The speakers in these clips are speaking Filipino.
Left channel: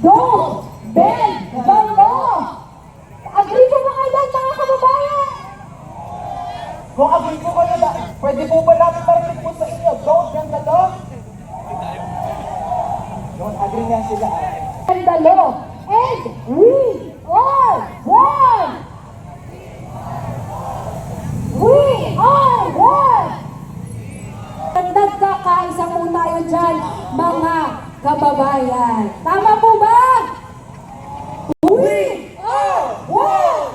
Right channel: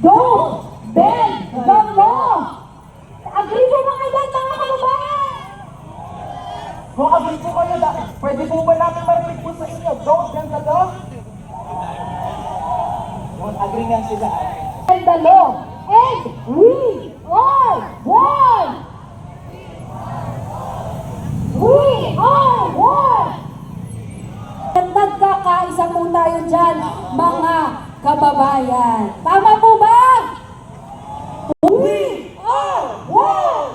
Don't bend the law. Agree po ba kayo dyan, mga kababayan? Kung agree po kayo, pwede po ba natin marinig po sa inyo? Don't bend the law? Yun, agree nga sila. Bend the law. And we are one. We are one. Nagkakaisa po tayo dyan, mga kababayan. Tama po ba? We are one.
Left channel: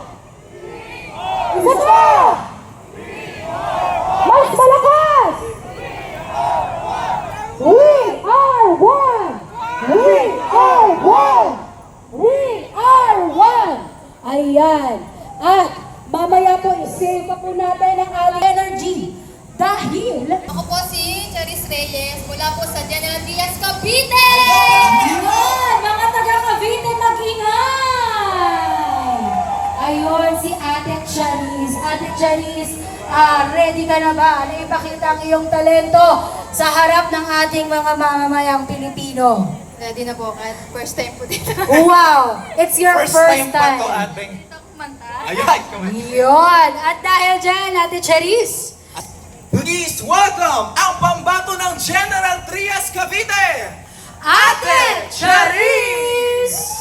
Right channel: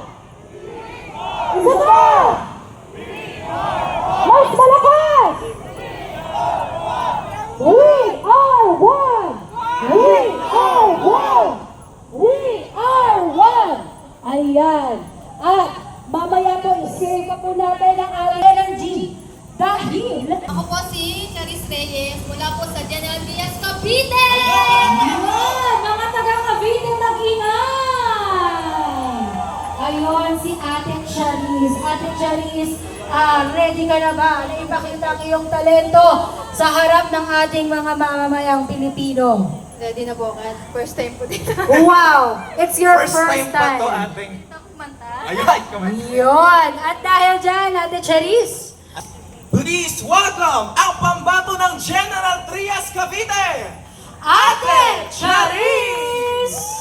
Isa pa! Mas malakas! We are one! We are one! We are one! Ayan. At mamaya po, i-save pa po natin ang ating energy. Dahil... Ako po si Charis Reyes, mula po sa General Villas, Cavite! Ayan! Mga taga Cavite, mag-ingay! Ayun, si Ate Charis. Ate Charis, ready ka na ba na ipakita ang iyong talento sa harap ng ating mga mamamayang Pilipino? Ready na po nga. First time po dito. Wow! It's your first time. ating... Ito kumanta. Ayan! Yun! At dahil dyan, Ate Charis, Please welcome ang pambato ng General Trias Cavite, Ate Charis!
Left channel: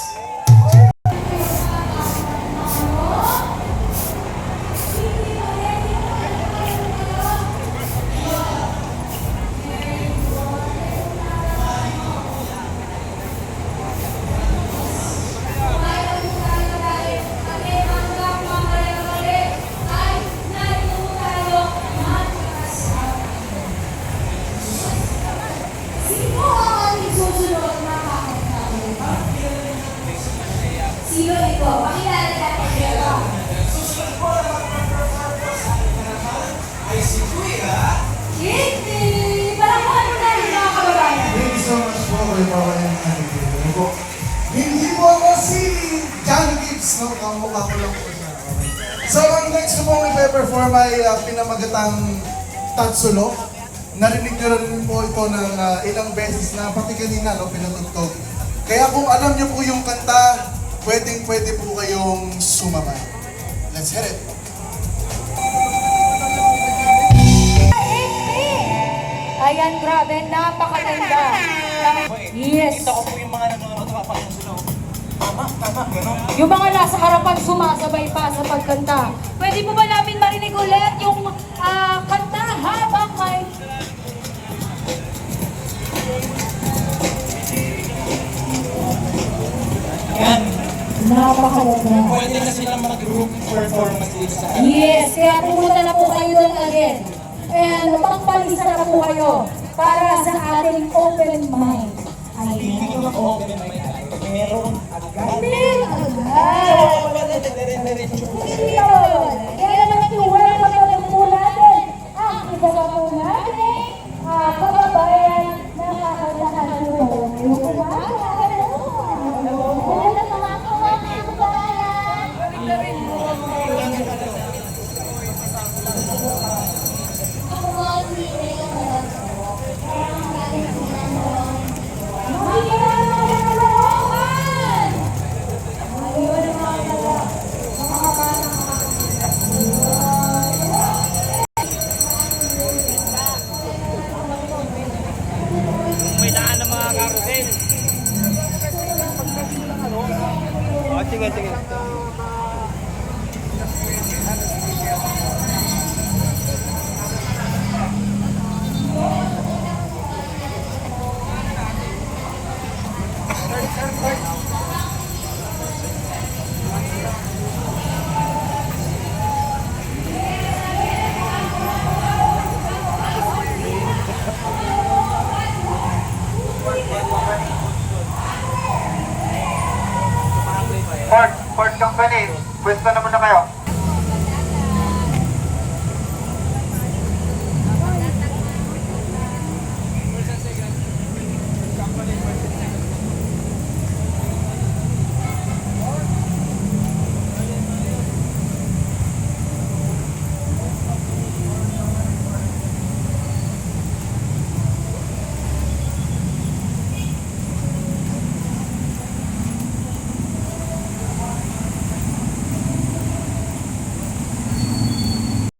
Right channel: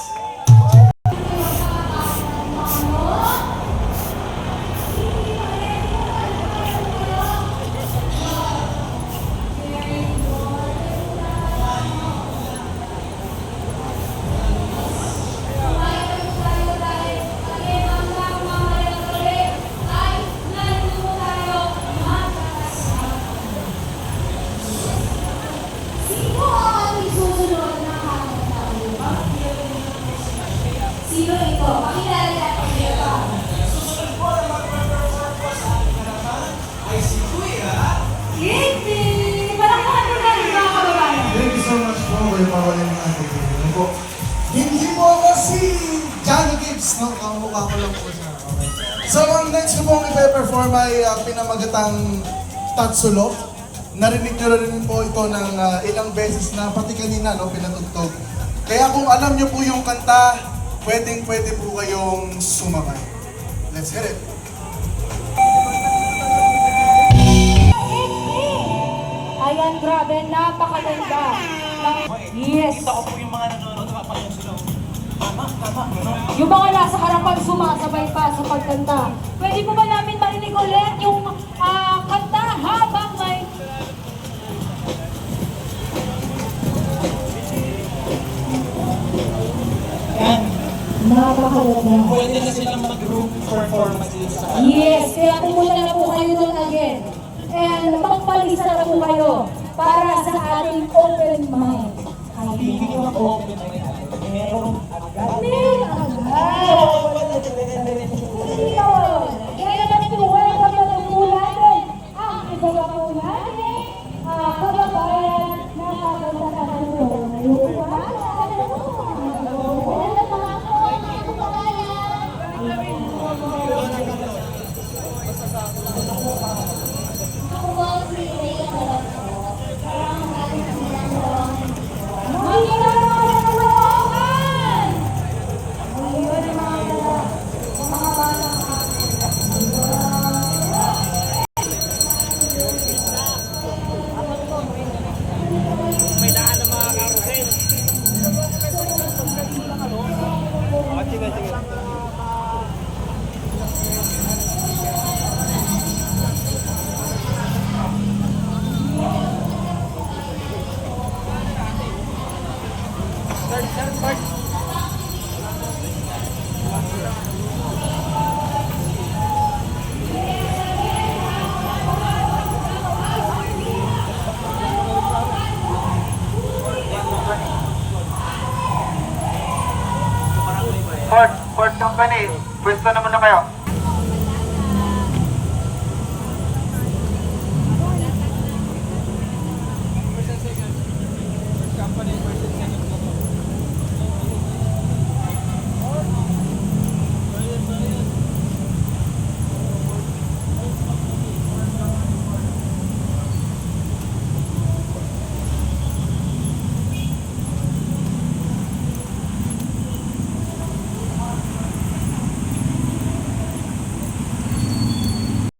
Sino ang aming susunod na kakanta mo? Sino ito? Pakilala natin ito. Kitty! Palakpakan mo na rin mga kababayan. Thank you so much po with all yung nakikinig po. Hindi po ako si Johnny Gibbs, no? Kamukha ko lang po siya. So, ang next ko po na perform ay pinamagatang Tatsulo. Narinig nyo rin po ito ng ilang beses na pati kanina, no, pinatugtog. Kaya kung alam nyo po yung kanta, pwede po kayong sumama. Let's hit it! Ayan, grabe, napakaganda. Yes. Kita ko po yung mga nanonood na papakinggan. Tama, gano'n. Yung mga nasa harapan sumasabay pa sa pagkanta. Pwede po ba namin marinig ulit yung kanta habang may... Yan. Napakaganda. Pwede na sila mag-group performance dito sa Yes, kaya pumunta na po kayo doon agad. And magpalista na po kayo para sa ating open mind. Hindi Ayun. ko open my time. Meron Meron agad. Hindi yun. Kaya naman po, welcome po natin ang iba na po natin kababayan na kakasanahan po. Yung kumakain. Sige, sige. Ford Company, pwesto naman na kayo.